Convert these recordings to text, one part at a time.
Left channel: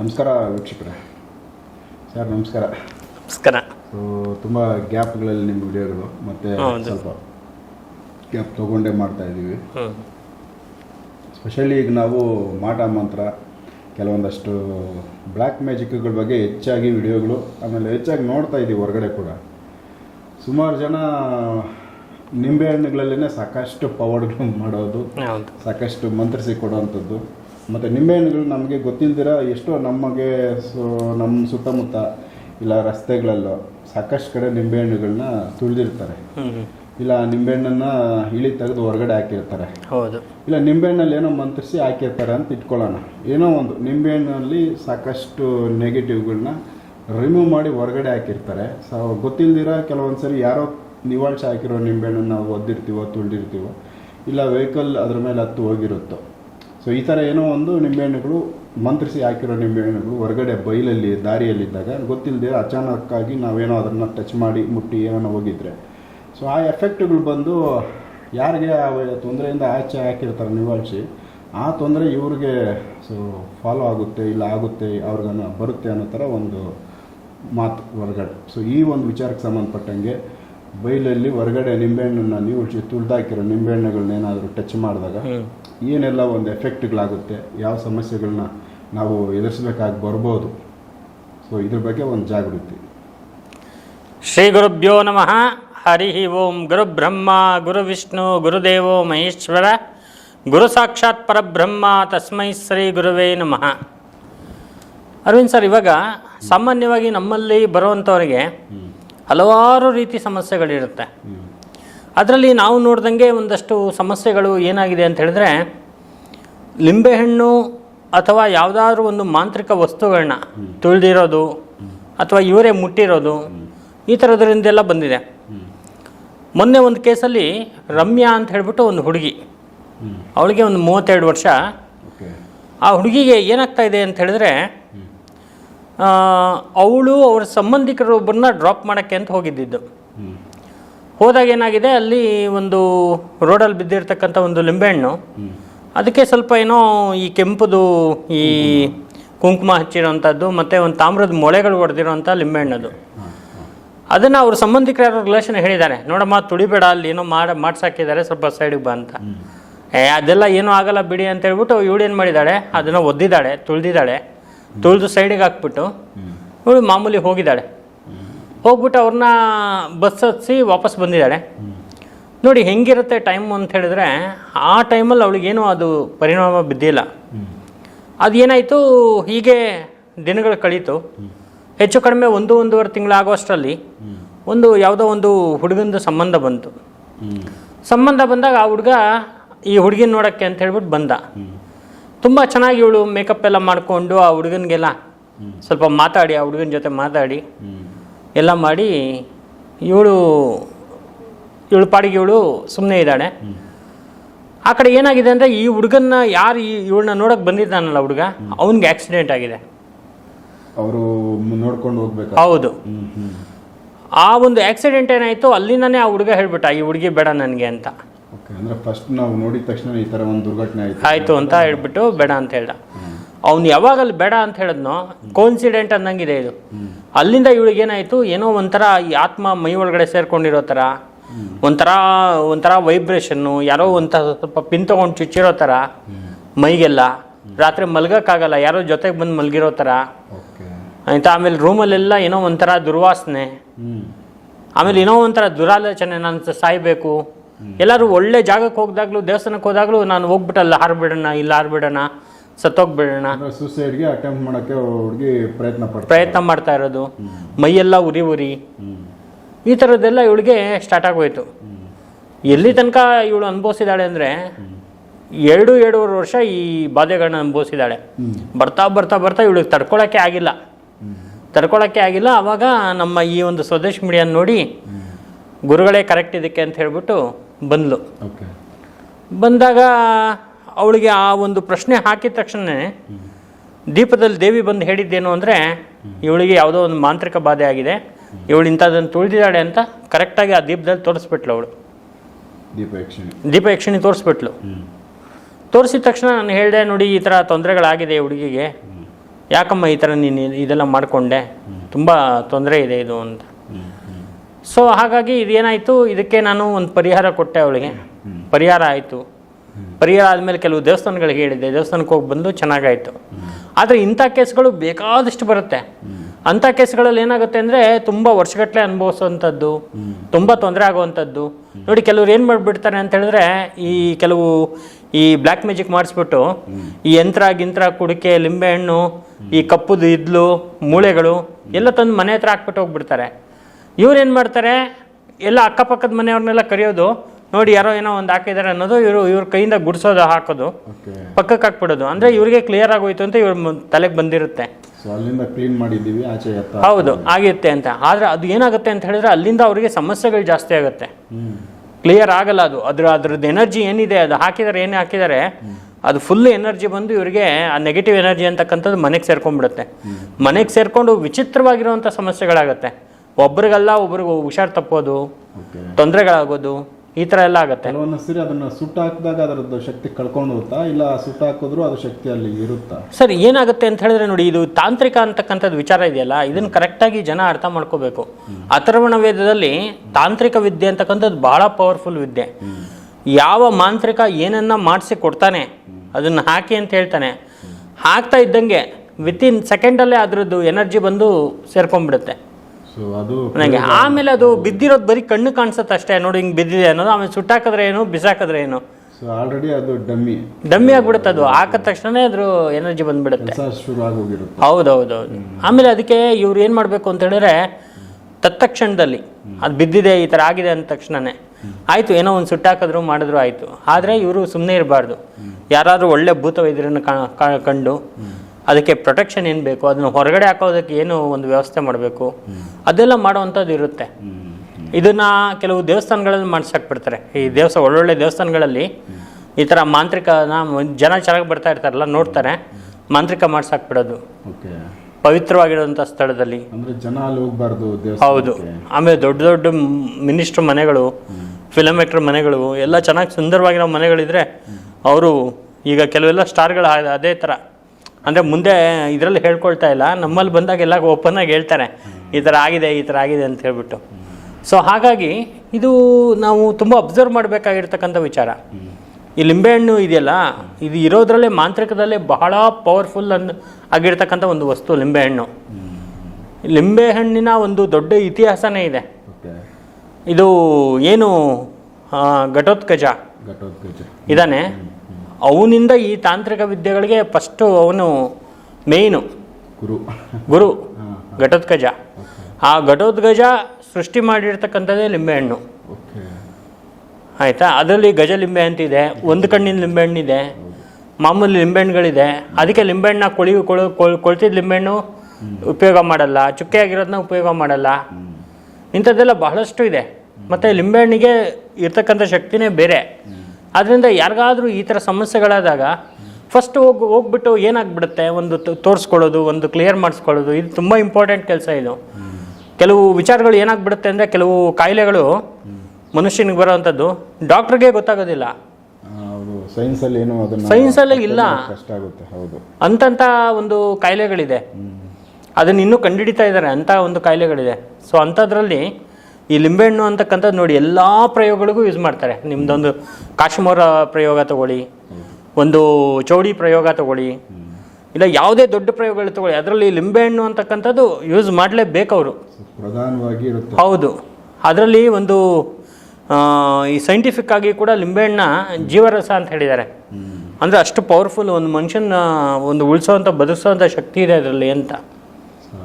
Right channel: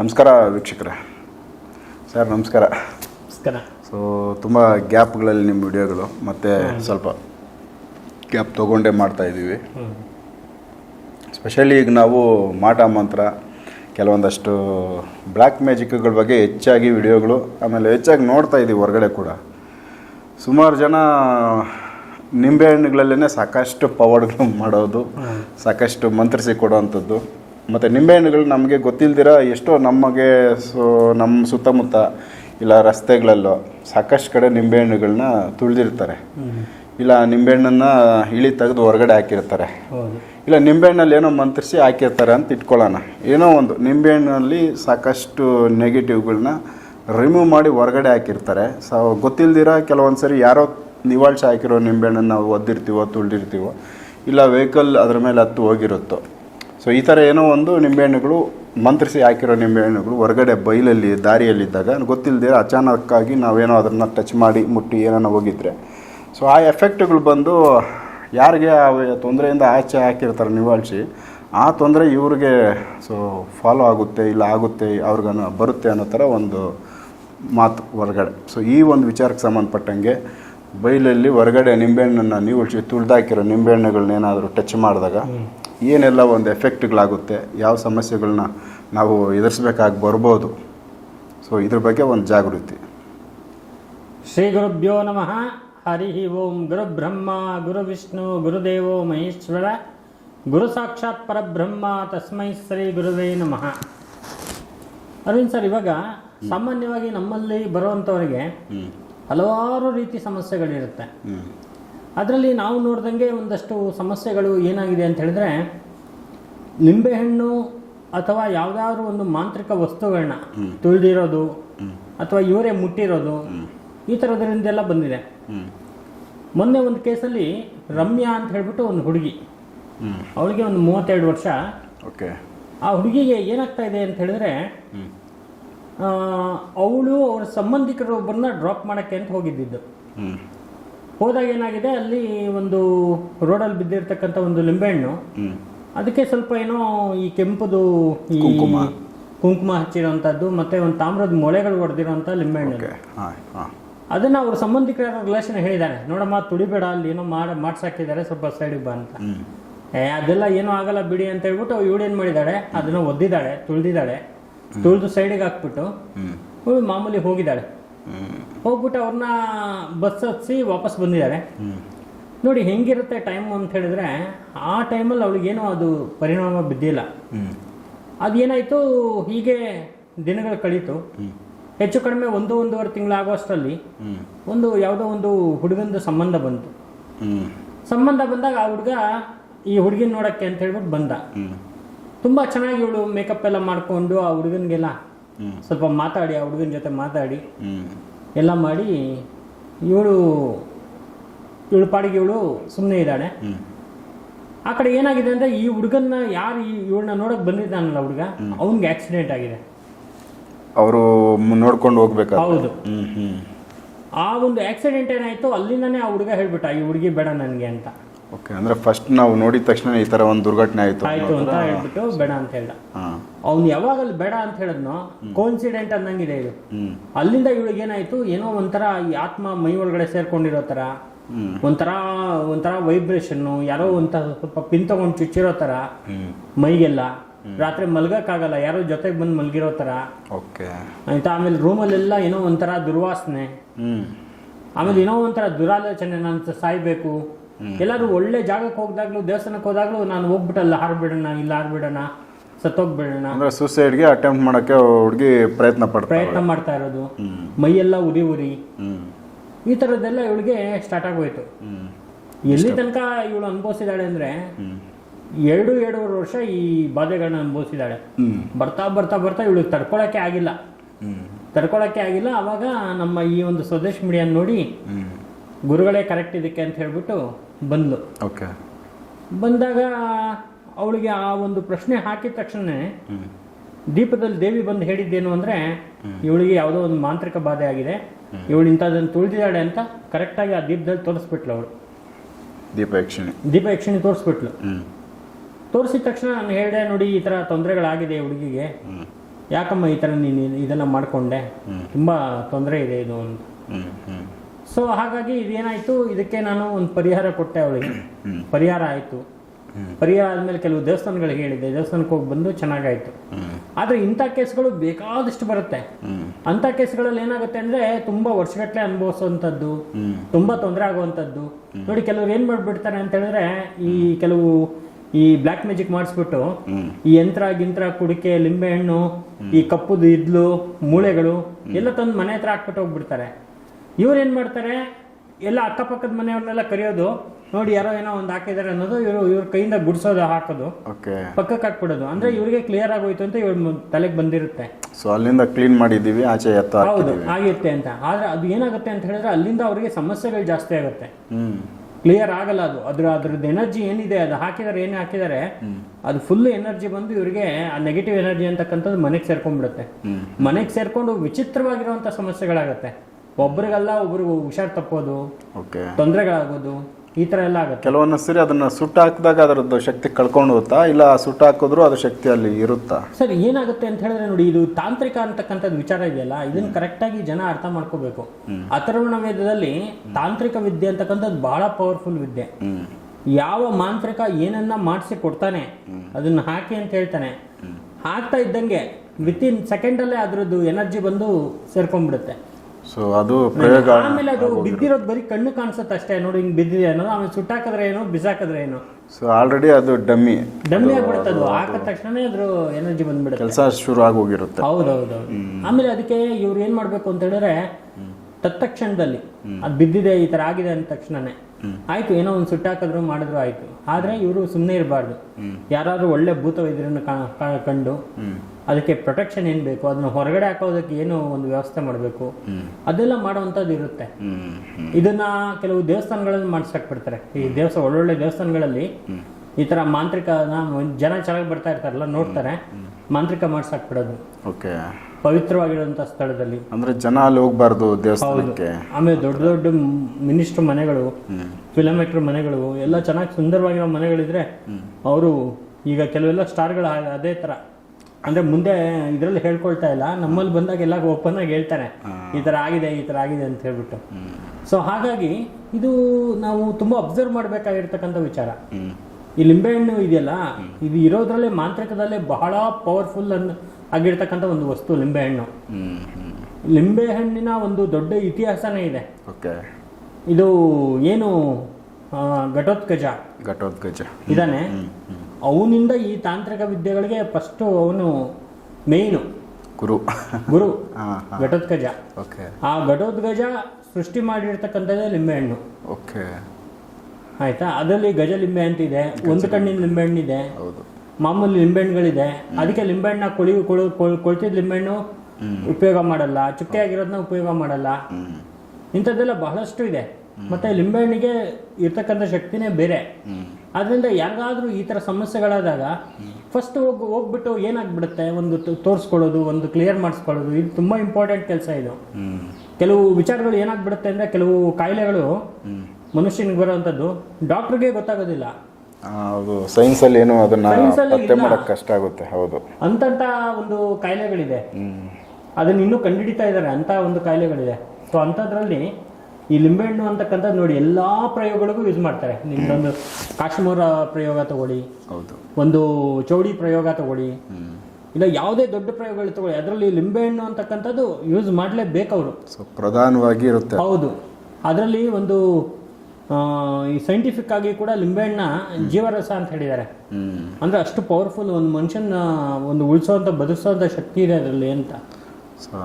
ನಮಸ್ಕಾರ ವೀಕ್ಷಕರೇ. ಸರ್ ನಮಸ್ಕಾರ. ನಮಸ್ಕಾರ. ಸೊ ತುಂಬ ಗ್ಯಾಪ್ಗಳಲ್ಲಿ ನಿಮ್ಮ ವಿಡಿಯೋಗಳು ಮತ್ತು ಸ್ವಲ್ಪ ಗ್ಯಾಪ್ ತೊಗೊಂಡೇ ಮಾಡ್ತಾಯಿದ್ದೀವಿ. ಸ್ಪೆಷಲಿ ಈಗ ನಾವು ಮಾಟ ಮಂತ್ರ ಕೆಲವೊಂದಷ್ಟು ಬ್ಲ್ಯಾಕ್ ಮ್ಯಾಜಿಕ್ಗಳ ಬಗ್ಗೆ ಹೆಚ್ಚಾಗಿ ವಿಡಿಯೋಗಳು ಆಮೇಲೆ ಹೆಚ್ಚಾಗಿ ನೋಡ್ತಾ ಇದ್ದೀವಿ ಹೊರಗಡೆ ಕೂಡ. ಸುಮಾರು ಜನ ನಿಂಬೆಹಣ್ಣುಗಳಲ್ಲೇ ಸಾಕಷ್ಟು ಪವಾಡ್ಗಳು ಮಾಡೋದು, ಸಾಕಷ್ಟು ಮಂತ್ರಿಸಿ ಕೊಡೋವಂಥದ್ದು. ಮತ್ತು ನಿಂಬೆಹಣ್ಣುಗಳು ನಮಗೆ ಗೊತ್ತಿಲ್ದಿರ ಎಷ್ಟೋ ನಮಗೆ ನಮ್ಮ ಸುತ್ತಮುತ್ತ ಇಲ್ಲ ರಸ್ತೆಗಳಲ್ಲೋ ಸಾಕಷ್ಟು ಕಡೆ ನಿಂಬೆಹಣ್ಣುಗಳನ್ನ ತುಳಿದಿರ್ತಾರೆ, ಇಲ್ಲ ನಿಂಬೆಹಣ್ಣನ್ನು ಇಳಿ ತೆಗೆದು ಹೊರಗಡೆ ಹಾಕಿರ್ತಾರೆ, ಇಲ್ಲ ನಿಂಬೆಹಣ್ಣಲ್ಲಿ ಏನೋ ಮಂತ್ರಿಸಿ ಹಾಕಿರ್ತಾರೆ ಅಂತ ಇಟ್ಕೊಳ್ಳೋಣ. ಏನೋ ಒಂದು ನಿಂಬೆಹಣ್ಣಲ್ಲಿ ಸಾಕಷ್ಟು ನೆಗೆಟಿವ್ಗಳನ್ನ ರಿಮೂವ್ ಮಾಡಿ ಹೊರಗಡೆ ಹಾಕಿರ್ತಾರೆ. ಗೊತ್ತಿಲ್ದಿರ ಕೆಲವೊಂದು ಸರಿ ಯಾರೋ ನಿವಾಳಿಸಿ ಹಾಕಿರೋ ನಿಂಬೆಹಣ್ಣನ್ನು ನಾವು ಒದ್ದಿರ್ತೀವೋ ತುಳಿದಿರ್ತೀವೋ, ಇಲ್ಲ ವೆಹಿಕಲ್ ಅದ್ರ ಮೇಲೆ ಹತ್ತು ಹೋಗಿರುತ್ತೋ. ಸೊ ಈ ಥರ ಏನೋ ಒಂದು ನಿಂಬೆಹಣ್ಣುಗಳು ಮಂತ್ರಿಸಿ ಹಾಕಿರೋ ನಿಂಬೆಹಣ್ಣುಗಳು ಹೊರಗಡೆ ಬೈಲಲ್ಲಿ ದಾರಿಯಲ್ಲಿದ್ದಾಗ ಗೊತ್ತಿಲ್ಲದೆ ಅಚಾನಕ್ಕಾಗಿ ನಾವೇನೋ ಅದನ್ನು ಟಚ್ ಮಾಡಿ ಮುಟ್ಟಿ ಏನೋ ಹೋಗಿದ್ರೆ ಸೊ ಆ ಎಫೆಕ್ಟ್ಗಳು ಬಂದು ಯಾರಿಗೆ ಆ ತೊಂದರೆಯಿಂದ ಆಚೆ ಹಾಕಿರ್ತಾರೆ ನಿವಾಳಿಸಿ, ಆ ತೊಂದರೆ ಇವ್ರಿಗೆ ಸೊ ಫಾಲೋ ಆಗುತ್ತೆ, ಇಲ್ಲ ಆಗುತ್ತೆ, ಅವ್ರಿಗೇನೋ ಬರುತ್ತೆ ಅನ್ನೋ ಥರ ಒಂದು ಮಾತು ಹೊರಗಡೆ. ಸೊ ಈ ಒಂದು ವಿಚಾರಕ್ಕೆ ಸಂಬಂಧಪಟ್ಟಂಗೆ ಬೈಲಲ್ಲಿ ಹೊರಗಡೆ ನಿಂಬೆಹಣ್ಣನ್ನು ನಿವಾಳಿಸಿ ತುಳಿದಾಕಿರೋ ನಿಂಬೆಹಣ್ಣುಗಳನ್ನೇನಾದರೂ ಟಚ್ ಮಾಡಿದಾಗ ಏನೆಲ್ಲ ಒಂದು ಎಫೆಕ್ಟ್ಗಳಾಗುತ್ತೆ, ಯಾವ ಸಮಸ್ಯೆಗಳನ್ನ ನಾವು ಎದುರಿಸ್ಬೇಕಾಗಿ ಬರ್ಬೋದು. ಸೊ ಇದ್ರ ಬಗ್ಗೆ ಒಂದು ಜಾಗೃತಿ. ಶ್ರೀ ಗುರುಭ್ಯೋ ನಮಃ. ಹರಿ ಓಂ. ಗುರು ಬ್ರಹ್ಮ ಗುರು ವಿಷ್ಣು ಗುರುದೇವೋ ಮಹೇಶ್ವರ ಗುರು ಸಾಕ್ಷಾತ್ ಪರಬ್ರಹ್ಮ ತಸ್ಮೈ ಶ್ರೀ ಗುರುವೇ ನಮಃ. ಅರವಿಂದ್ ಸರ್, ಇವಾಗ ಸಾಮಾನ್ಯವಾಗಿ ನಮ್ಮಲ್ಲಿ ಬರುವಂಥವರಿಗೆ ಹಲವಾರು ರೀತಿ ಸಮಸ್ಯೆಗಳಿರುತ್ತೆ. ಅದರಲ್ಲಿ ನಾವು ನೋಡ್ದಂಗೆ ಒಂದಷ್ಟು ಸಮಸ್ಯೆಗಳು ಏನಾಗಿದೆ ಅಂತ ಹೇಳಿದ್ರೆ, ಲಿಂಬೆಹಣ್ಣು ಅಥವಾ ಯಾವುದಾದ್ರೂ ಒಂದು ಮಾಂತ್ರಿಕ ವಸ್ತುಗಳನ್ನ ತುಳಿದಿರೋದು ಅಥವಾ ಇವರೇ ಮುಟ್ಟಿರೋದು, ಈ ಥರದ್ರಿಂದೆಲ್ಲ ಬಂದಿದೆ. ಮೊನ್ನೆ ಒಂದು ಕೇಸಲ್ಲಿ ರಮ್ಯಾ ಅಂತ ಹೇಳಿಬಿಟ್ಟು ಒಂದು ಹುಡುಗಿ, ಅವಳಿಗೆ ಒಂದು 32 ವರ್ಷ. ಆ ಹುಡುಗಿಗೆ ಏನಾಗ್ತಾ ಇದೆ ಅಂತ ಹೇಳಿದ್ರೆ, ಅವಳು ಅವ್ರ ಸಂಬಂಧಿಕರೊಬ್ಬರನ್ನ ಡ್ರಾಪ್ ಮಾಡೋಕ್ಕೆ ಅಂತ ಹೋಗಿದ್ದಿದ್ದು. ಹೋದಾಗ ಏನಾಗಿದೆ, ಅಲ್ಲಿ ಒಂದು ರೋಡಲ್ಲಿ ಬಿದ್ದಿರ್ತಕ್ಕಂಥ ಒಂದು ಲಿಂಬೆಹಣ್ಣು, ಅದಕ್ಕೆ ಸ್ವಲ್ಪ ಏನೋ ಈ ಕೆಂಪುದು ಈ ಕುಂಕುಮ ಹಚ್ಚಿರೋಂಥದ್ದು ಮತ್ತು ಒಂದು ತಾಮ್ರದ ಮೊಳೆಗಳು ಹೊಡೆದಿರೋಂಥ ಲಿಂಬೆಹಣ್ಣದು. ಅದನ್ನು ಅವ್ರ ಸಂಬಂಧಿಕರು ಯಾರೋ ರಿಲೇಷನ್ ಹೇಳಿದ್ದಾರೆ, ನೋಡಮ್ಮ ತುಳಿಬೇಡ, ಅಲ್ಲಿ ಏನೋ ಮಾಡ್ಸಾಕಿದ್ದಾರೆ, ಸ್ವಲ್ಪ ಸೈಡಿಗೆ ಬಾ ಅಂತ. ಅದೆಲ್ಲ ಏನೂ ಆಗಲ್ಲ ಬಿಡಿ ಅಂತ ಹೇಳ್ಬಿಟ್ಟು ಇವಳೇನು ಮಾಡಿದ್ದಾಳೆ, ಅದನ್ನು ಒದ್ದಿದ್ದಾಳೆ, ತುಳಿದು ಸೈಡಿಗೆ ಹಾಕ್ಬಿಟ್ಟು ಇವಳು ಮಾಮೂಲಿ ಹೋಗಿದ್ದಾಳೆ. ಹೋಗ್ಬಿಟ್ಟು ಅವ್ರನ್ನ ಬಸ್ ಹತ್ಸಿ ವಾಪಸ್ ಬಂದಿದ್ದಾಳೆ. ನೋಡಿ ಹೆಂಗಿರುತ್ತೆ ಟೈಮು ಅಂತ ಹೇಳಿದ್ರೆ, ಆ ಟೈಮಲ್ಲಿ ಅವಳಿಗೇನೋ ಅದು ಪರಿಣಾಮ ಬಿದ್ದಿಲ್ಲ. ಅದೇನಾಯಿತು, ಹೀಗೆ ದಿನಗಳು ಕಳೀತು. ಹೆಚ್ಚು ಕಡಿಮೆ 1-1.5 ತಿಂಗಳು ಆಗೋಷ್ಟರಲ್ಲಿ ಒಂದು ಯಾವುದೋ ಒಂದು ಹುಡುಗಂದು ಸಂಬಂಧ ಬಂತು. ಸಂಬಂಧ ಬಂದಾಗ ಆ ಹುಡುಗ ಈ ಹುಡುಗಿನ ನೋಡೋಕ್ಕೆ ಅಂತ ಹೇಳ್ಬಿಟ್ಟು ಬಂದ. ತುಂಬ ಚೆನ್ನಾಗಿ ಇವಳು ಮೇಕಪ್ ಎಲ್ಲ ಮಾಡಿಕೊಂಡು ಆ ಹುಡುಗನಿಗೆಲ್ಲ ಸ್ವಲ್ಪ ಮಾತಾಡಿ, ಆ ಹುಡುಗನ ಜೊತೆ ಮಾತಾಡಿ ಎಲ್ಲ ಮಾಡಿ ಇವಳು ಪಾಡಿಗೆ ಇವಳು ಸುಮ್ಮನೆ ಇದ್ದಾಳೆ. ಆ ಕಡೆ ಏನಾಗಿದೆ ಅಂದರೆ, ಈ ಹುಡುಗನ್ನ ಯಾರು ಇವಳನ್ನ ನೋಡೋಕೆ ಬಂದಿದ್ದಾನಲ್ಲ ಹುಡುಗ, ಅವನಿಗೆ ಆಕ್ಸಿಡೆಂಟ್ ಆಗಿದೆ. ಅವರು ನೋಡ್ಕೊಂಡು ಹೋಗ್ಬೇಕು. ಹೌದು. ಆ ಒಂದು ಆಕ್ಸಿಡೆಂಟ್ ಏನಾಯಿತು, ಅಲ್ಲಿಂದನೇ ಆ ಹುಡುಗ ಹೇಳ್ಬಿಟ್ಟ, ಈ ಹುಡುಗಿ ಬೇಡ ನನಗೆ ಅಂತ. ಓಕೆ, ಅಂದರೆ ಫಸ್ಟ್ ನಾವು ನೋಡಿದ ತಕ್ಷಣ ಈ ಥರ ಒಂದು ದುರ್ಘಟನೆ ಆಯಿತು ಅಂತ ಹೇಳ್ಬಿಟ್ಟು ಬೇಡ ಅಂತ ಹೇಳ್ದ. ಅವ್ನು ಯಾವಾಗ ಅಲ್ಲಿ ಬೇಡ ಅಂತ ಹೇಳಿದ್ನೋ, ಕೋಇನ್ಸಿಡೆಂಟ್ ಅನ್ನಂಗಿದೆ ಇದು. ಅಲ್ಲಿಂದ ಇವಳಿಗೇನಾಯಿತು, ಏನೋ ಒಂಥರ ಈ ಆತ್ಮ ಮೈ ಒಳಗಡೆ ಸೇರ್ಕೊಂಡಿರೋ ಥರ, ಒಂಥರ ವೈಬ್ರೇಷನ್ನು, ಯಾರೋ ಸ್ವಲ್ಪ ಪಿನ್ ತೊಗೊಂಡು ಚುಚ್ಚಿರೋ ಥರ ಮೈಗೆಲ್ಲ. ರಾತ್ರಿ ಮಲ್ಗೋಕ್ಕಾಗಲ್ಲ, ಯಾರೋ ಜೊತೆಗೆ ಬಂದು ಮಲಗಿರೋ ಥರ ಆಯಿತಾ. ಆಮೇಲೆ ರೂಮಲ್ಲೆಲ್ಲ ಏನೋ ಒಂಥರ ದುರ್ವಾಸನೆ, ಆಮೇಲೆ ಏನೋ ಒಂಥರ ದುರಾಲೋಚನೆ, ನಾನು ಸಾಯ್ಬೇಕು. ಎಲ್ಲರೂ ಒಳ್ಳೆ ಜಾಗಕ್ಕೆ ಹೋಗ್ದಾಗ್ಲೂ, ದೇವಸ್ಥಾನಕ್ಕೆ ಹೋದಾಗ್ಲೂ ನಾನು ಹೋಗ್ಬಿಟ್ಟಲ್ಲ, ಹಾರ್ಬಿಡೋಣ, ಇಲ್ಲ ಹಾರ್ಬಿಡೋಣ, ಸತ್ತೋಗ್ಬಿಡೋಣ, ಸೂಸೈಡ್ಗೆ ಅಟೆಂಪ್ಟ್ ಮಾಡೋಕ್ಕೆ ಹುಡುಗಿ ಪ್ರಯತ್ನ ಮಾಡ್ತಾ ಇರೋದು, ಮೈಯೆಲ್ಲ ಉರಿ ಈ ಥರದ್ದೆಲ್ಲ ಇವಳಿಗೆ ಸ್ಟಾರ್ಟ್ ಆಗೋಯ್ತು. ಎಲ್ಲಿ ತನಕ ಇವಳು ಅನುಭವಿಸಿದಾಳೆ ಅಂದರೆ, 2-2.5 ವರ್ಷ ಈ ಬಾಧೆಗಳನ್ನ ಅನುಭವಿಸಿದಾಳೆ. ಬರ್ತಾ ಇವಳಿಗೆ ತಡ್ಕೊಳಕ್ಕೆ ಆಗಿಲ್ಲ. ಆವಾಗ ನಮ್ಮ ಈ ಒಂದು ಸ್ವದೇಶ್ ಮೀಡಿಯಾ ನೋಡಿ, ಗುರುಗಳೇ ಕರೆಕ್ಟ್ ಇದಕ್ಕೆ ಅಂತ ಹೇಳ್ಬಿಟ್ಟು ಬಂದ್ಲು. ಬಂದಾಗ ಅವಳಿಗೆ ಆ ಒಂದು ಪ್ರಶ್ನೆ ಹಾಕಿದ ತಕ್ಷಣ ದೀಪದಲ್ಲಿ ದೇವಿ ಬಂದು ಹೇಳಿದ್ದೇನು ಅಂದರೆ, ಇವಳಿಗೆ ಯಾವುದೋ ಒಂದು ಮಾಂತ್ರಿಕ ಬಾಧೆ ಆಗಿದೆ, ಇವಳು ಇಂಥದ್ದನ್ನು ತುಳಿದಿದ್ದಾಳೆ ಅಂತ ಕರೆಕ್ಟಾಗಿ ಆ ದೀಪದಲ್ಲಿ ತೋರಿಸ್ಬಿಟ್ಲು. ಅವಳು ದೀಪ ಯಕ್ಷಿಣಿ ತೋರಿಸ್ಬಿಟ್ಲು. ತೋರಿಸಿದ ತಕ್ಷಣ ನಾನು ಹೇಳಿದೆ, ನೋಡಿ ಈ ಥರ ತೊಂದರೆಗಳಾಗಿದೆ ಹುಡುಗಿಗೆ, ಯಾಕಮ್ಮ ಈ ಥರ ನೀನು ಇದೆಲ್ಲ ಮಾಡಿಕೊಂಡೆ, ತುಂಬ ತೊಂದರೆ ಇದೆ ಇದು ಅಂತ. ಸೊ ಹಾಗಾಗಿ ಇದೇನಾಯಿತು, ಇದಕ್ಕೆ ನಾನು ಒಂದು ಪರಿಹಾರ ಕೊಟ್ಟೆ ಅವಳಿಗೆ. ಪರಿಹಾರ ಆಯಿತು. ಪರಿಹಾರ ಆದಮೇಲೆ ಕೆಲವು ದೇವಸ್ಥಾನಗಳಿಗೆ ಹೇಳಿದ್ದೆ, ದೇವಸ್ಥಾನಕ್ಕೆ ಹೋಗಿ ಬಂದು ಚೆನ್ನಾಗಾಯಿತು. ಆದರೆ ಇಂಥ ಕೇಸ್ಗಳು ಬೇಕಾದಷ್ಟು ಬರುತ್ತೆ. ಅಂಥ ಕೇಸ್ಗಳಲ್ಲಿ ಏನಾಗುತ್ತೆ ಅಂದರೆ ತುಂಬ ವರ್ಷಗಟ್ಟಲೆ ಅನುಭವಿಸೋವಂಥದ್ದು, ತುಂಬ ತೊಂದರೆ ಆಗುವಂಥದ್ದು. ನೋಡಿ, ಕೆಲವ್ರು ಏನು ಮಾಡಿಬಿಡ್ತಾರೆ ಅಂತ ಹೇಳಿದ್ರೆ, ಕೆಲವು ಈ ಬ್ಲ್ಯಾಕ್ ಮ್ಯಾಜಿಕ್ ಮಾಡಿಸ್ಬಿಟ್ಟು ಈ ಗಿಂತ್ರ ಕುಡಿಕೆ, ಲಿಂಬೆಹಣ್ಣು, ಈ ಕಪ್ಪುದು ಇದ್ಲು, ಮೂಳೆಗಳು ಎಲ್ಲ ತಂದು ಮನೆ ಹತ್ರ ಹಾಕ್ಬಿಟ್ಟು ಹೋಗ್ಬಿಡ್ತಾರೆ. ಇವ್ರೇನು ಮಾಡ್ತಾರೆ, ಎಲ್ಲ ಅಕ್ಕಪಕ್ಕದ ಮನೆಯವ್ರನ್ನೆಲ್ಲ ಕರೆಯೋದು, ನೋಡಿ ಯಾರೋ ಏನೋ ಒಂದು ಹಾಕಿದ್ದಾರೆ ಅನ್ನೋದು, ಇವ್ರ ಕೈಯಿಂದ ಗುಡಿಸೋದು, ಹಾಕೋದು, ಪಕ್ಕಕ್ಕೆ ಹಾಕ್ಬಿಡೋದು. ಅಂದರೆ ಇವ್ರಿಗೆ ಕ್ಲಿಯರ್ ಆಗೋಯ್ತು ಅಂತ ಇವ್ರ ತಲೆಗೆ ಬಂದಿರುತ್ತೆ. ಸೊ ಅಲ್ಲಿಂದ ಕ್ಲೀನ್ ಮಾಡಿದ್ದೀವಿ, ಆಚೆ ಹೌದು ಆಗಿರುತ್ತೆ ಅಂತ. ಆದರೆ ಅದು ಏನಾಗುತ್ತೆ ಅಂತ ಹೇಳಿದ್ರೆ, ಅಲ್ಲಿಂದ ಅವರಿಗೆ ಸಮಸ್ಯೆಗಳು ಜಾಸ್ತಿ ಆಗುತ್ತೆ. ಕ್ಲಿಯರ್ ಆಗಲ್ಲ ಅದು. ಅದ್ರದ್ದು ಎನರ್ಜಿ ಏನಿದೆ, ಅದು ಹಾಕಿದರೆ ಏನೇ ಹಾಕಿದ್ದಾರೆ, ಅದು ಫುಲ್ ಎನರ್ಜಿ ಬಂದು ಇವರಿಗೆ ಆ ನೆಗೆಟಿವ್ ಎನರ್ಜಿ ಅಂತಕ್ಕಂಥದ್ದು ಮನೆಗೆ ಸೇರ್ಕೊಂಡ್ಬಿಡುತ್ತೆ. ಮನೆಗೆ ಸೇರ್ಕೊಂಡು ವಿಚಿತ್ರವಾಗಿರುವಂಥ ಸಮಸ್ಯೆಗಳಾಗತ್ತೆ. ಒಬ್ರಿಗಲ್ಲ ಒಬ್ರಿಗೆ ಹುಷಾರು ತಪ್ಪೋದು, ತೊಂದರೆಗಳಾಗೋದು, ಈ ಥರ ಎಲ್ಲ ಆಗುತ್ತೆ. ಕೆಲವೊಂದು ಸರಿ ಅದನ್ನು ಸುಟ್ಟು ಹಾಕಿದಾಗ ಅದರದ್ದು ಶಕ್ತಿ ಕಳ್ಕೊಂಡು ಹೋಗುತ್ತಾ, ಇಲ್ಲ ಸುಟ್ಟು ಹಾಕಿದ್ರು ಅದು ಶಕ್ತಿ ಅಲ್ಲಿ ಇರುತ್ತಾ? ಸರ್, ಏನಾಗುತ್ತೆ ಅಂತ ಹೇಳಿದ್ರೆ ನೋಡಿ, ಇದು ತಾಂತ್ರಿಕ ಅಂತಕ್ಕಂಥದ್ದು ವಿಚಾರ ಇದೆಯಲ್ಲ, ಇದನ್ನು ಕರೆಕ್ಟಾಗಿ ಜನ ಅರ್ಥ ಮಾಡ್ಕೋಬೇಕು. ಅಥರ್ವಣ ವೇದದಲ್ಲಿ ತಾಂತ್ರಿಕ ವಿದ್ಯೆ ಅಂತಕ್ಕಂಥದ್ದು ಬಹಳ ಪವರ್ಫುಲ್ ವಿದ್ಯೆ. ಯಾವ ಮಾಂತ್ರಿಕ ಏನನ್ನ ಮಾಡಿಸಿ ಕೊಡ್ತಾನೆ, ಅದನ್ನು ಹಾಕಿ ಅಂತ ಹೇಳ್ತಾನೆ, ಹಾಕ್ತಾ ಇದ್ದಂಗೆ ವಿತಿನ್ ಸೆಕೆಂಡಲ್ಲೇ ಅದರದ್ದು ಎನರ್ಜಿ ಬಂದು ಸೇರ್ಕೊಂಡ್ಬಿಡುತ್ತೆ. ಸೊ ಅದು ಆಮೇಲೆ ಅದು ಬಿದ್ದಿರೋದು ಬರೀ ಕಣ್ಣು ಕಾಣಿಸುತ್ತೆ ಅಷ್ಟೇ, ನೋಡಿ ಹಿಂಗೆ ಬಿದ್ದಿದೆ ಅನ್ನೋದು. ಆಮೇಲೆ ಸುಟ್ಟಾಕಿದ್ರೆ ಏನು, ಬಿಸಾಕಿದ್ರೆ ಏನು. ಸೊ ಆಲ್ರೆಡಿ ಅದು ಡಮ್ಮಿ ಆಗ್ಬಿಡುತ್ತೆ. ಅದು ಹಾಕಿದ ತಕ್ಷಣ ಅದ್ರ ಎನರ್ಜಿ ಬಂದ್ಬಿಡುತ್ತೆ, ಕೆಲಸ ಶುರು ಆಗೋಗಿರುತ್ತೆ. ಹೌದೌದು. ಆಮೇಲೆ ಅದಕ್ಕೆ ಇವ್ರು ಏನು ಮಾಡಬೇಕು ಅಂತ ಹೇಳಿದ್ರೆ, ತತ್ಕ್ಷಣದಲ್ಲಿ ಅದು ಬಿದ್ದಿದೆ, ಈ ಥರ ಆಗಿದೆ ಅಂದ ತಕ್ಷಣನೇ ಆಯಿತು, ಏನೋ ಒಂದು ಸುಟ್ಟಾಕಿದ್ರು ಮಾಡಿದ್ರು ಆಯಿತು. ಆದರೆ ಇವರು ಸುಮ್ಮನೆ ಇರಬಾರ್ದು. ಯಾರಾದ್ರೂ ಒಳ್ಳೆ ಭೂತ ವೈದ್ಯರನ್ನು ಕಂಡು ಅದಕ್ಕೆ ಪ್ರೊಟೆಕ್ಷನ್ ಏನು ಬೇಕು, ಅದನ್ನು ಹೊರಗಡೆ ಹಾಕೋದಕ್ಕೆ ಏನು ಒಂದು ವ್ಯವಸ್ಥೆ ಮಾಡಬೇಕು, ಅದೆಲ್ಲ ಮಾಡುವಂಥದ್ದು ಇರುತ್ತೆ. ಇದನ್ನ ಕೆಲವು ದೇವಸ್ಥಾನಗಳಲ್ಲಿ ಮಾಡಿಸಾಕ್ಬಿಡ್ತಾರೆ. ಈ ಒಳ್ಳೊಳ್ಳೆ ದೇವಸ್ಥಾನಗಳಲ್ಲಿ ಈ ಥರ ಮಾಂತ್ರಿಕನ ಜನ ಚೆನ್ನಾಗಿ ಬರ್ತಾ ಇರ್ತಾರಲ್ಲ, ನೋಡ್ತಾರೆ, ಮಾಂತ್ರಿಕ ಮಾಡಿಸಾಕ್ಬಿಡೋದು. ಪವಿತ್ರವಾಗಿರುವಂಥ ಸ್ಥಳದಲ್ಲಿ. ಅಂದರೆ ಜನ ಅಲ್ಲಿ ಹೋಗ್ಬಾರ್ದು ದೇವಸ್ಥಾನಕ್ಕೆ. ಹೌದು. ಆಮೇಲೆ ದೊಡ್ಡ ದೊಡ್ಡ ಮಿನಿಸ್ಟರ್ ಮನೆಗಳು, ಫಿಲಮ್ ಆಕ್ಟರ್ ಮನೆಗಳು ಎಲ್ಲ ಚೆನ್ನಾಗಿ ಸುಂದರವಾಗಿರೋ ಮನೆಗಳಿದ್ರೆ, ಅವರು ಈಗ ಕೆಲವೆಲ್ಲ ಸ್ಟಾರ್ಗಳು ಅದೇ ಥರ, ಅಂದರೆ ಮುಂದೆ ಇದರಲ್ಲಿ ಹೇಳ್ಕೊಳ್ತಾ ಇಲ್ಲ, ನಮ್ಮಲ್ಲಿ ಬಂದಾಗ ಎಲ್ಲ ಓಪನ್ ಆಗಿ ಹೇಳ್ತಾರೆ, ಈ ಥರ ಆಗಿದೆ, ಈ ಥರ ಆಗಿದೆ ಅಂತ ಹೇಳ್ಬಿಟ್ಟು. ಸೊ ಹಾಗಾಗಿ ಇದು ನಾವು ತುಂಬ ಅಬ್ಸರ್ವ್ ಮಾಡಬೇಕಾಗಿರ್ತಕ್ಕಂಥ ವಿಚಾರ. ಈ ಲಿಂಬೆಹಣ್ಣು ಇದೆಯಲ್ಲ, ಇದು ಇರೋದ್ರಲ್ಲೇ ಮಾಂತ್ರಿಕದಲ್ಲೇ ಬಹಳ ಪವರ್ಫುಲ್ ಆಗಿರ್ತಕ್ಕಂಥ ಒಂದು ವಸ್ತು ಲಿಂಬೆಹಣ್ಣು. ಲಿಂಬೆಹಣ್ಣಿನ ಒಂದು ದೊಡ್ಡ ಇತಿಹಾಸನೇ ಇದೆ. ಇದು ಏನು ಘಟೋತ್ಕಚ ಇದಾನೆ, ಅವನಿಂದ ಈ ತಾಂತ್ರಿಕ ವಿದ್ಯೆಗಳಿಗೆ ಫಸ್ಟು ಅವನು ಮೇಯ್ನು ಗುರು ಘಟೋತ್ಕಚ. ಆ ಘಟೋತ್ಕಚ ಸೃಷ್ಟಿ ಮಾಡಿರ್ತಕ್ಕಂಥದ್ದೇ ಲಿಂಬೆಹಣ್ಣು. ಆಯ್ತಾ? ಅದರಲ್ಲಿ ಗಜ ಲಿಂಬೆ ಅಂತಿದೆ, ಒಂದು ಕಣ್ಣಿನ ಲಿಂಬೆಹಣ್ಣಿದೆ, ಮಾಮೂಲಿ ಲಿಂಬೆಹಣ್ಣುಗಳಿದೆ. ಅದಕ್ಕೆ ಲಿಂಬೆಹಣ್ಣ ಕೊಳ್ತಿದ್ದ ಲಿಂಬೆಹಣ್ಣು ಉಪಯೋಗ ಮಾಡಲ್ಲ, ಚುಕ್ಕೆ ಆಗಿರೋದನ್ನ ಉಪಯೋಗ ಮಾಡಲ್ಲ. ಇಂಥದ್ದೆಲ್ಲ ಬಹಳಷ್ಟು ಇದೆ. ಮತ್ತು ಲಿಂಬೆಹಣ್ಣಿಗೆ ಇರ್ತಕ್ಕಂಥ ಶಕ್ತಿನೇ ಬೇರೆ. ಆದ್ದರಿಂದ ಯಾರಿಗಾದ್ರೂ ಈ ಥರ ಸಮಸ್ಯೆಗಳಾದಾಗ ಫಸ್ಟ್ ಹೋಗ್ಬಿಟ್ಟು ಏನಾಗ್ಬಿಡುತ್ತೆ, ಒಂದು ತೋರಿಸ್ಕೊಳ್ಳೋದು, ಒಂದು ಕ್ಲಿಯರ್ ಮಾಡಿಸ್ಕೊಳ್ಳೋದು, ಇದು ತುಂಬ ಇಂಪಾರ್ಟೆಂಟ್ ಕೆಲಸ. ಇದು ಕೆಲವು ವಿಚಾರಗಳು ಏನಾಗ್ಬಿಡುತ್ತೆ ಅಂದರೆ, ಕೆಲವು ಕಾಯಿಲೆಗಳು ಮನುಷ್ಯನಿಗೆ ಬರೋವಂಥದ್ದು ಡಾಕ್ಟ್ರಿಗೆ ಗೊತ್ತಾಗೋದಿಲ್ಲ. ಸೈನ್ಸಲ್ಲಿ ಏನು ಸೈನ್ಸಲ್ಲಿ ಇಲ್ಲ, ಕಷ್ಟ ಆಗುತ್ತೆ. ಹೌದು, ಅಂತಂಥ ಒಂದು ಕಾಯಿಲೆಗಳಿದೆ, ಅದನ್ನು ಇನ್ನೂ ಕಂಡುಹಿಡಿತಾ ಇದ್ದಾರೆ. ಅಂಥ ಒಂದು ಕಾಯಿಲೆಗಳಿದೆ. ಸೊ ಅಂಥದ್ರಲ್ಲಿ ಈ ಲಿಂಬೆಹಣ್ಣು ಅಂತಕ್ಕಂಥದ್ದು ನೋಡಿ ಎಲ್ಲ ಪ್ರಯೋಗಗಳಿಗೂ ಯೂಸ್ ಮಾಡ್ತಾರೆ. ನಿಮ್ದೊಂದು ಕಾಶ್ಮೀರ ಪ್ರಯೋಗ ತಗೊಳ್ಳಿ, ಒಂದು ಚೌಡಿ ಪ್ರಯೋಗ ತಗೊಳ್ಳಿ, ಇಲ್ಲ ಯಾವುದೇ ದೊಡ್ಡ ಪ್ರಯೋಗಗಳು ತಗೊಳ್ಳಿ, ಅದರಲ್ಲಿ ಲಿಂಬೆಹಣ್ಣು ಅಂತಕ್ಕಂಥದ್ದು ಯೂಸ್ ಮಾಡಲೇಬೇಕು ಅವರು, ಪ್ರಧಾನವಾಗಿ ಇರುತ್ತೆ. ಹೌದು. ಅದರಲ್ಲಿ ಒಂದು ಈ ಸೈಂಟಿಫಿಕ್ ಆಗಿ ಕೂಡ ಲಿಂಬೆಹಣ್ಣ ಜೀವರಸ ಅಂತ ಹೇಳಿದ್ದಾರೆ. ಅಂದರೆ ಅಷ್ಟು ಪವರ್ಫುಲ್, ಒಂದು ಮನುಷ್ಯನ ಒಂದು ಉಳಿಸೋವಂಥ ಬದುಕಿಸೋವಂಥ ಶಕ್ತಿ ಇದೆ ಅದರಲ್ಲಿ ಅಂತ.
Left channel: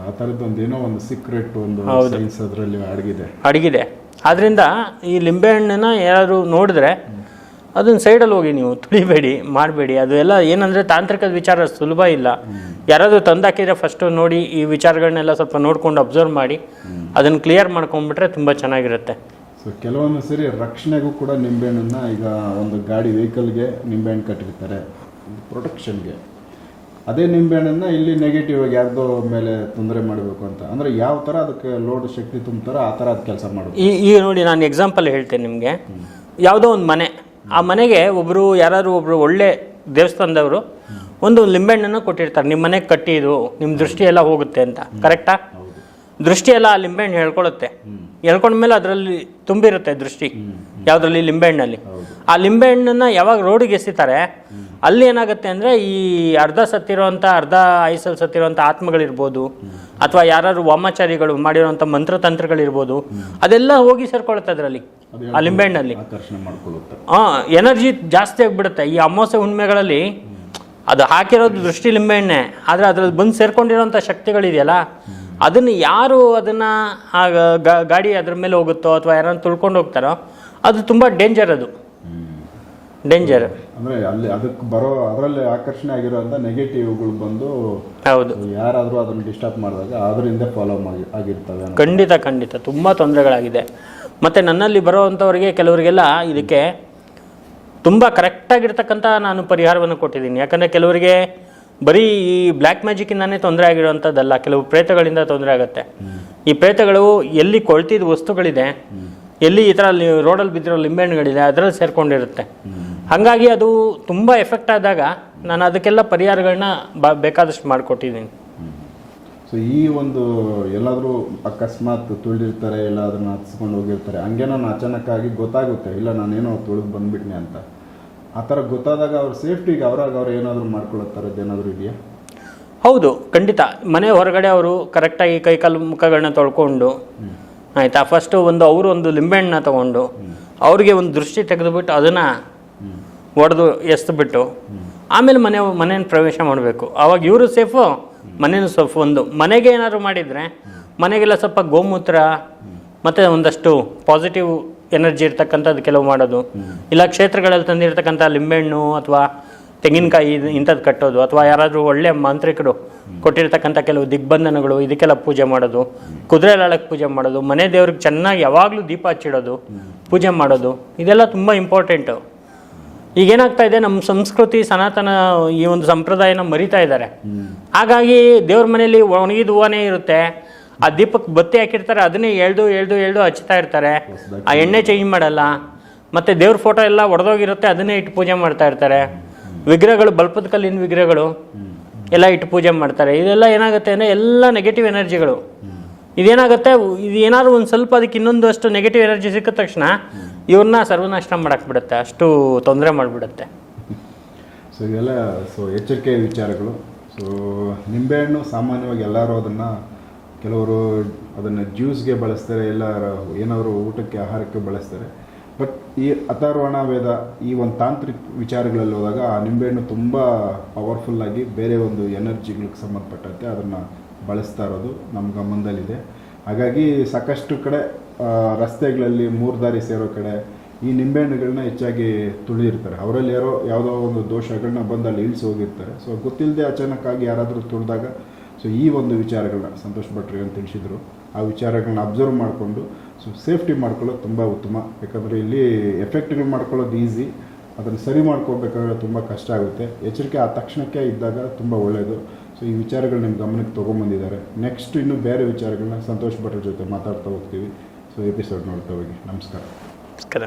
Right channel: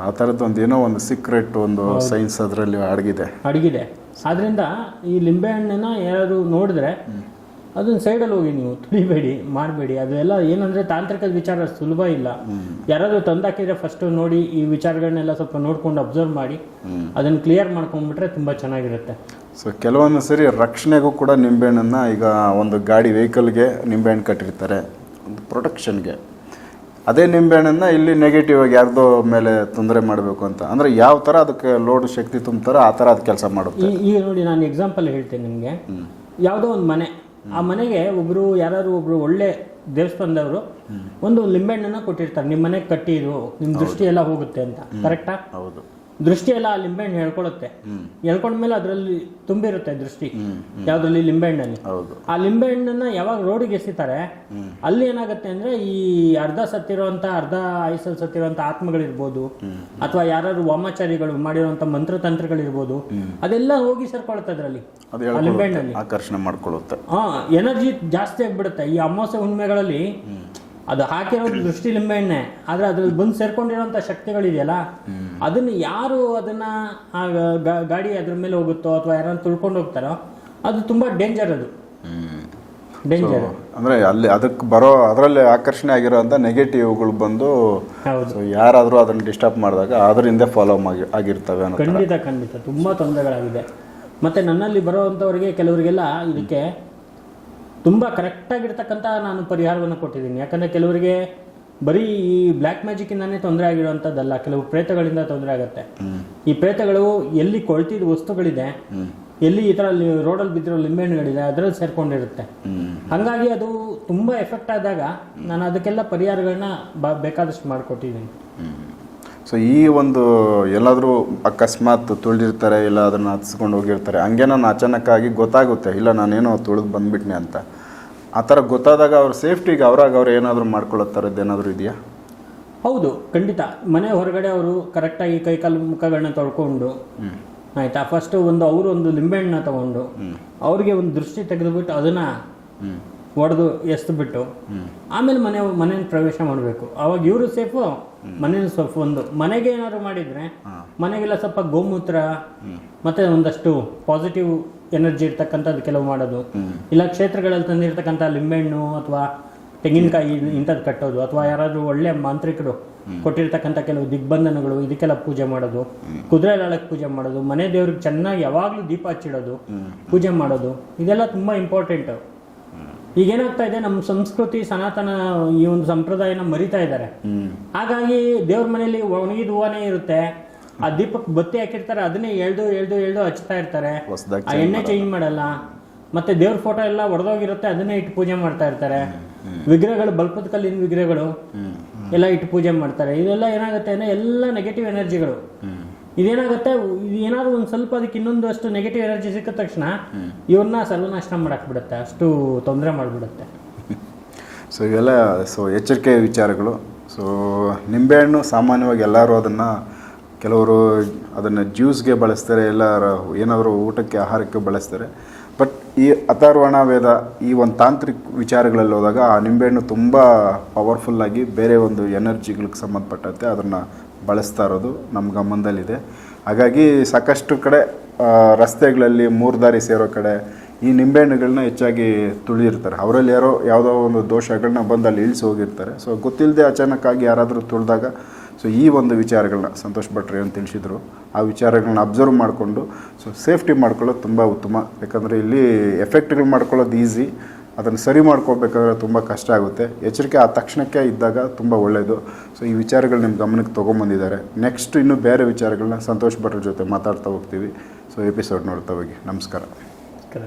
ಆ ಥರದ್ದು ಒಂದು ಏನೋ ಒಂದು ಸೀಕ್ರೆಟ್ ಒಂದು ಸೈನ್ಸ್ ಅದರಲ್ಲಿ ಅಡಗಿದೆ. ಆದ್ದರಿಂದ ಈ ಲಿಂಬೆಹಣ್ಣನ್ನ ಯಾರು ನೋಡಿದ್ರೆ ಅದನ್ನು ಸೈಡಲ್ಲಿ ಹೋಗಿ ನೀವು ತುಳಿಬೇಡಿ, ಮಾಡಬೇಡಿ. ಅದು ಎಲ್ಲ ಏನಂದರೆ ತಾಂತ್ರಿಕದ ವಿಚಾರ ಸುಲಭ ಇಲ್ಲ. ಯಾರಾದರೂ ತಂದಾಕಿದ್ರೆ ಫಸ್ಟು ನೋಡಿ, ಈ ವಿಚಾರಗಳನ್ನೆಲ್ಲ ಸ್ವಲ್ಪ ನೋಡ್ಕೊಂಡು ಅಬ್ಸರ್ವ್ ಮಾಡಿ ಅದನ್ನು ಕ್ಲಿಯರ್ ಮಾಡ್ಕೊಂಡ್ಬಿಟ್ರೆ ತುಂಬ ಚೆನ್ನಾಗಿರುತ್ತೆ. ಸೊ ಕೆಲವೊಂದು ಸರಿ ರಕ್ಷಣೆಗೂ ಕೂಡ ನಿಂಬೆಹಣ್ಣನ್ನು, ಈಗ ಒಂದು ಗಾಡಿ ವೆಹಿಕಲ್ಗೆ ನಿಂಬೆಹಣ್ಣು ಕಟ್ಟಿರ್ತಾರೆ ಒಂದು ಪ್ರೊಟೆಕ್ಷನ್ಗೆ, ಅದೇ ನಿಂಬೆಹಣ್ಣನ್ನು ಇಲ್ಲಿ ನೆಗೆಟಿವ್ ಆಗಿ ಯಾರ್ದೋ ಮೇಲೆ ತೊಂದರೆ ಮಾಡಬೇಕು ಅಂತ ಅಂದರೆ ಯಾವ ಥರ ಅದಕ್ಕೆ ಲೋಡ್ ಶಕ್ತಿ ತುಂಬ್ತಾರೋ ಆ ಥರ ಅದು ಕೆಲಸ ಮಾಡೋದು. ಈಗ ನೋಡಿ, ನಾನು ಎಕ್ಸಾಂಪಲ್ ಹೇಳ್ತೇನೆ ನಿಮಗೆ. ಯಾವುದೋ ಒಂದು ಮನೆ, ಆ ಮನೆಗೆ ಯಾರಾದ್ರು ಒಬ್ಬರು ಒಳ್ಳೆ ದೇವಸ್ಥಾನದವರು ಒಂದು ಲಿಂಬೆಹಣ್ಣನ್ನು ಕೊಟ್ಟಿರ್ತಾರೆ, ನಿಮ್ಮ ಮನೆಗೆ ಕಟ್ಟಿ ಇದು ನಿಮ್ಮ ದೃಷ್ಟಿ ಎಲ್ಲ ಹೋಗುತ್ತೆ ಅಂತ. ಕರೆಕ್ಟಾ? ಹೌದು. ದೃಷ್ಟಿ ಎಲ್ಲ ಆ ಲಿಂಬೆಹಣ್ಣು ಹೇಳ್ಕೊಳುತ್ತೆ. ಹೇಳ್ಕೊಂಡ್ಮೇಲೆ ಅದರಲ್ಲಿ ತುಂಬಿರುತ್ತೆ ದೃಷ್ಟಿ, ಯಾವುದ್ರಲ್ಲಿ? ಲಿಂಬೆಹಣ್ಣಲ್ಲಿ. ಆ ಲಿಂಬೆಹಣ್ಣನ್ನ ಯಾವಾಗ ರೋಡಿಗೆ ಎಸಿತಾರೆ ಅಲ್ಲಿ ಏನಾಗುತ್ತೆ ಅಂದರೆ ಈ ಅರ್ಧ ಆಯುಸಲ್ಲಿ ಸತ್ತಿರೋಂಥ ಆತ್ಮಗಳಿರ್ಬೋದು, ಅಥವಾ ಯಾರು ವಾಮಾಚಾರಿಗಳು ಮಾಡಿರೋಂಥ ಮಂತ್ರತಂತ್ರಗಳಿರ್ಬೋದು, ಅದೆಲ್ಲ ಹೋಗಿ ಸೇರ್ಕೊಳ್ಳುತ್ತೆ ಅದರಲ್ಲಿ, ಆ ಲಿಂಬೆಹಣ್ಣಲ್ಲಿ ಆಕರ್ಷಣೆ ಮಾಡ್ಕೊಳ್ಳುತ್ತೆ. ಎನರ್ಜಿ ಜಾಸ್ತಿ ಆಗಿಬಿಡುತ್ತೆ. ಈ ಅಮಾವಾಸ್ಯೆ ಹುಣ್ಮೆಗಳಲ್ಲಿ ಅದು ಹಾಕಿರೋದು ದೃಷ್ಟಿ ಲಿಂಬೆಹಣ್ಣೆ, ಆದರೆ ಅದರಲ್ಲಿ ಬಂದು ಸೇರ್ಕೊಂಡಿರೋಂಥ ಶಕ್ತಿಗಳಿದೆಯಲ್ಲ, ಅದನ್ನು ಯಾರು ಅದನ್ನು ಗಾಡಿ ಅದ್ರ ಮೇಲೆ ಹೋಗುತ್ತೋ ಅಥವಾ ಯಾರನ್ನು ತುಳ್ಕೊಂಡು ಹೋಗ್ತಾರೋ ಅದು ತುಂಬ ಡೇಂಜರ್. ಅದು ಡೇಂಜರ್ ಅಂದರೆ ಅಲ್ಲಿ ಅದಕ್ಕೆ ಅದರಲ್ಲಿ ಆಕರ್ಷಣೆ ಆಗಿರೋಂಥ ನೆಗೆಟಿವ್ಗಳು ಬಂದು ಹೌದು ಯಾರಾದರೂ ಅದನ್ನು ಡಿಸ್ಟರ್ಬ್ ಮಾಡಿದಾಗ ಅದರಿಂದ ಫಾಲೋ ಆಗಿರ್ತವೆ. ಖಂಡಿತ ತುಂಬ ತೊಂದರೆಗಳಾಗಿದೆ. ಮತ್ತು ನನ್ನಲ್ಲಿ ಬರೋವಂಥವ್ರಿಗೆ ಕೆಲವರಿಗೆಲ್ಲ ಇದಕ್ಕೆ ತುಂಬ ಕರೆಕ್ಟಾಗಿರ್ತಕ್ಕಂಥ ನಾನು ಪರಿಹಾರವನ್ನು ಕೊಟ್ಟಿದ್ದೀನಿ. ಯಾಕಂದರೆ ಕೆಲವರಿಗೆ ಬರೀ ಈ ಬ್ಲ್ಯಾಕ್ ಮ್ಯಾಜಿಕ್ಕಿಂದಾನೇ ತೊಂದರೆ ಆಗಿರೋವಂಥದ್ದಲ್ಲ, ಕೆಲವು ಪ್ರೇತಗಳಿಂದ ತೊಂದರೆ ಆಗುತ್ತೆ. ಈ ಪ್ರೇತಗಳು ಎಲ್ಲಿ ಕೊಳ್ತಿದ ವಸ್ತುಗಳಿದೆ, ಎಲ್ಲಿ ಈ ಥರ ರೋಡಲ್ಲಿ ಬಿದ್ದಿರೋ ಲಿಂಬೆಹಣ್ಣುಗಳಿದೆ ಅದರಲ್ಲಿ ಸೇರ್ಕೊಂಡಿರುತ್ತೆ. ಹಾಗಾಗಿ ಅದು ತುಂಬ ಎಫೆಕ್ಟ್ ಆದಾಗ ನಾನು ಅದಕ್ಕೆಲ್ಲ ಪರಿಹಾರಗಳನ್ನ ಬೇಕಾದಷ್ಟು ಮಾಡಿಕೊಟ್ಟಿದ್ದೀನಿ. ಸೊ ಈ ಒಂದು ಎಲ್ಲಾದರೂ ಅಕಸ್ಮಾತ್ ತುಳಿದಿರ್ತಾರೆ, ಇಲ್ಲ ಅದನ್ನು ಹತ್ಸ್ಕೊಂಡು ಹೋಗಿರ್ತಾರೆ, ಹಂಗೆ ನಾನು ಅಚಾನಕ್ಕಾಗಿ ಗೊತ್ತಾಗುತ್ತೆ, ಇಲ್ಲ ನಾನೇನೋ ತುಳಿದು ಬಂದುಬಿಟ್ನೆ ಅಂತ. ಆ ಥರ ಗೊತ್ತಾದಾಗ ಅವ್ರ ಸೇಫ್ಟಿಗೆ ಅವ್ರು ಏನಾದರೂ ಮಾಡ್ಕೊಳ್ಳೋ ಥರದ್ದು ಏನಾದರೂ ಇದೆಯಾ? ಹೌದು, ಖಂಡಿತ. ಮನೆ ಹೊರಗಡೆ ಅವರು ಕರೆಕ್ಟಾಗಿ ಕೈಕಾಲು ಮುಖಗಳನ್ನ ತೊಳ್ಕೊಂಡು ಆಯಿತಾ, ಫಸ್ಟು ಅವರು ಒಂದು ಲಿಂಬೆಹಣ್ಣನ್ನ ತೊಗೊಂಡು ಅವ್ರಿಗೆ ಒಂದು ದೃಷ್ಟಿ ತೆಗೆದುಬಿಟ್ಟು ಅದನ್ನು ಒಡೆದು ಎಸ್ದುಬಿಟ್ಟು ಆಮೇಲೆ ಮನೆಯನ್ನು ಪ್ರವೇಶ ಮಾಡಬೇಕು. ಆವಾಗ ಇವರು ಸೇಫು, ಮನೇನು ಸೇಫ್. ಒಂದು ಮನೆಗೆ ಏನಾದ್ರು ಮಾಡಿದರೆ ಮನೆಗೆಲ್ಲ ಸ್ವಲ್ಪ ಗೋಮೂತ್ರ ಮತ್ತು ಒಂದಷ್ಟು ಪಾಸಿಟಿವ್ ಎನರ್ಜಿ ಇರ್ತಕ್ಕಂಥದ್ದು ಕೆಲವು ಮಾಡೋದು, ಇಲ್ಲ ಕ್ಷೇತ್ರಗಳಲ್ಲಿ ತಂದಿರ್ತಕ್ಕಂಥ ಲಿಂಬೆಹಣ್ಣು ಅಥವಾ ತೆಂಗಿನಕಾಯಿ ಇಂಥದ್ದು ಕಟ್ಟೋದು, ಅಥವಾ ಯಾರಾದರೂ ಒಳ್ಳೆಯ ಮಾಂತ್ರಿಕರು ಕೊಟ್ಟಿರ್ತಕ್ಕಂಥ ಕೆಲವು ದಿಗ್ಬಂಧನಗಳು, ಇದಕ್ಕೆಲ್ಲ ಪೂಜೆ ಮಾಡೋದು, ಕುದುರೆ ಲಾಳಕ್ಕೆ ಪೂಜೆ ಮಾಡೋದು, ಮನೆ ದೇವ್ರಿಗೆ ಚೆನ್ನಾಗಿ ಯಾವಾಗಲೂ ದೀಪ ಹಚ್ಚಿಡೋದು, ಪೂಜೆ ಮಾಡೋದು, ಇದೆಲ್ಲ ತುಂಬ ಇಂಪಾರ್ಟೆಂಟು. ಈಗೇನಾಗ್ತಾ ಇದೆ, ನಮ್ಮ ಸಂಸ್ಕೃತಿ ಸನಾತನ ಈ ಒಂದು ಸಂಪ್ರದಾಯನ ಮರಿತಾ ಇದ್ದಾರೆ. ಹಾಗಾಗಿ ದೇವ್ರ ಮನೆಯಲ್ಲಿ ಒಣಗಿದ ಹೂವನೇ ಇರುತ್ತೆ, ಆ ದೀಪಕ್ಕೆ ಬತ್ತಿ ಹಾಕಿರ್ತಾರೆ, ಅದನ್ನೇ ಎಳ್ದು ಹಚ್ತಾ ಇರ್ತಾರೆ, ಆ ಎಣ್ಣೆ ಚೇಂಜ್ ಮಾಡಲ್ಲ. ಮತ್ತು ದೇವ್ರ ಫೋಟೋ ಎಲ್ಲ ಒಡೆದೋಗಿರುತ್ತೆ, ಅದನ್ನೇ ಇಟ್ಟು ಪೂಜೆ ಮಾಡ್ತಾ ಇರ್ತಾರೆ. ವಿಗ್ರಹಗಳು, ಬಲ್ಪದ ಕಲ್ಲಿನ ವಿಗ್ರಹಗಳು ಎಲ್ಲ ಇಟ್ಟು ಪೂಜೆ ಮಾಡ್ತಾರೆ. ಇದೆಲ್ಲ ಏನಾಗುತ್ತೆ ಅಂದರೆ ಎಲ್ಲ ನೆಗೆಟಿವ್ ಎನರ್ಜಿಗಳು. ಇದೇನಾಗುತ್ತೆ, ಇದು ಏನಾದ್ರು ಒಂದು ಸ್ವಲ್ಪ ಅದಕ್ಕೆ ಇನ್ನೊಂದು ಅಷ್ಟು ನೆಗೆಟಿವ್ ಎನರ್ಜಿ ಸಿಕ್ಕಿದ ತಕ್ಷಣ ಇವ್ರನ್ನ ಸರ್ವನಾಶ ಮಾಡಾಕ್ಬಿಡುತ್ತೆ, ಅಷ್ಟು ತೊಂದರೆ ಮಾಡಿಬಿಡುತ್ತೆ. ಸೊ ಇವೆಲ್ಲ ಎಚ್ಚರಿಕೆ ವಿಚಾರಗಳು. ಸೊ ನಿಂಬೆಹಣ್ಣು ಸಾಮಾನ್ಯವಾಗಿ ಎಲ್ಲರೂ ಕೆಲವರು ಅದನ್ನು ಜ್ಯೂಸ್ಗೆ ಬಳಸ್ತಾರೆ, ಏನಾದರೂ ಊಟಕ್ಕೆ ಆಹಾರಕ್ಕೆ ಬಳಸ್ತಾರೆ. ಬಟ್ ಈ ಅಥರ್ವಣ ವೇದ ಈ ಒಂದು ತಾಂತ್ರಿಕ ವಿಚಾರಗಳಲ್ಲಿ ಹೋದಾಗ ಆ ನಿಂಬೆಹಣ್ಣು ತುಂಬ ಪವರ್ಫುಲ್ಲಾಗಿ ಬೇರೆ ಒಂದು ಎನರ್ಜಿಗಳಿಗೆ ಸಂಬಂಧಪಟ್ಟಂತೆ ಅದನ್ನು ಬಳಸ್ತಾ ಇರೋದು ನಮ್ಮ ಗಮನದಲ್ಲಿದೆ. ಹಾಗಾಗಿ ಸಾಕಷ್ಟು ಕಡೆ ರಸ್ತೆಗಳಲ್ಲಿ ಮೂರು ದಾರಿ ಸೇರೋ ಕಡೆ ಈ ನಿಂಬೆಹಣ್ಣುಗಳನ್ನ ಹೆಚ್ಚಾಗಿ ತುಳಿದಿರ್ತಾರೆ. ಅವರಲ್ಲಿ ಯಾವುದೋ ಒಂದು ದೋಷಗಳನ್ನ ಬಂದು ಅಲ್ಲಿ ಇಳಿಸಿ ಹೋಗಿರ್ತಾರೆ. ಸೊ ಗೊತ್ತಿಲ್ಲದೆ ಅಚಾನಕ್ಕಾಗಿ ಯಾರಾದರೂ ತುಳಿದಾಗ ಸೊ ಈ ಒಂದು ವಿಚಾರಗಳನ್ನ ಸಂತೋಷ್ ಭಟ್ರು ಏನು ತಿಳಿಸಿದ್ರು, ಆ ವಿಚಾರಗಳನ್ನ ಅಬ್ಸರ್ವ್ ಮಾಡಿಕೊಂಡು ಸೊ ಸೇಫ್ಟಿ ಮಾಡ್ಕೊಳ್ಳೋದು ತುಂಬ ಉತ್ತಮ. ಯಾಕಂದರೆ ಇಲ್ಲಿ ಎಫೆಕ್ಟ್ಗಳು ಮಾಡ್ಕೊಳ್ಳೋದು ಈಸಿ, ಅದನ್ನು ಸರಿ ಮಾಡ್ಕೋಬೇಕಾದ್ರೆ ತುಂಬ ಕಷ್ಟ ಆಗುತ್ತೆ. ಎಚ್ಚರಿಕೆ ಆ ತಕ್ಷಣಕ್ಕೆ ಇದ್ದಾಗ ತುಂಬ ಒಳ್ಳೆಯದು. ಸೊ ಈ ವಿಚಾರಗಳು ನಿಮ್ಮ ಗಮನಕ್ಕೆ ತೊಗೊಂಬಂದಿದ್ದಾರೆ. ನೆಕ್ಸ್ಟ್ ಇನ್ನೂ ಬೇರೆ ವಿಚಾರಗಳನ್ನ ಸಂತೋಷ್ ಭಟ್ರ ಜೊತೆ ಮಾತಾಡ್ತಾ ಹೋಗ್ತೀವಿ. ಸೊ ಎಪಿಸೋಡ್ ನೋಡ್ತಾ ಹೋಗಿ. ನಮಸ್ಕಾರ. ನಮಸ್ಕಾರ.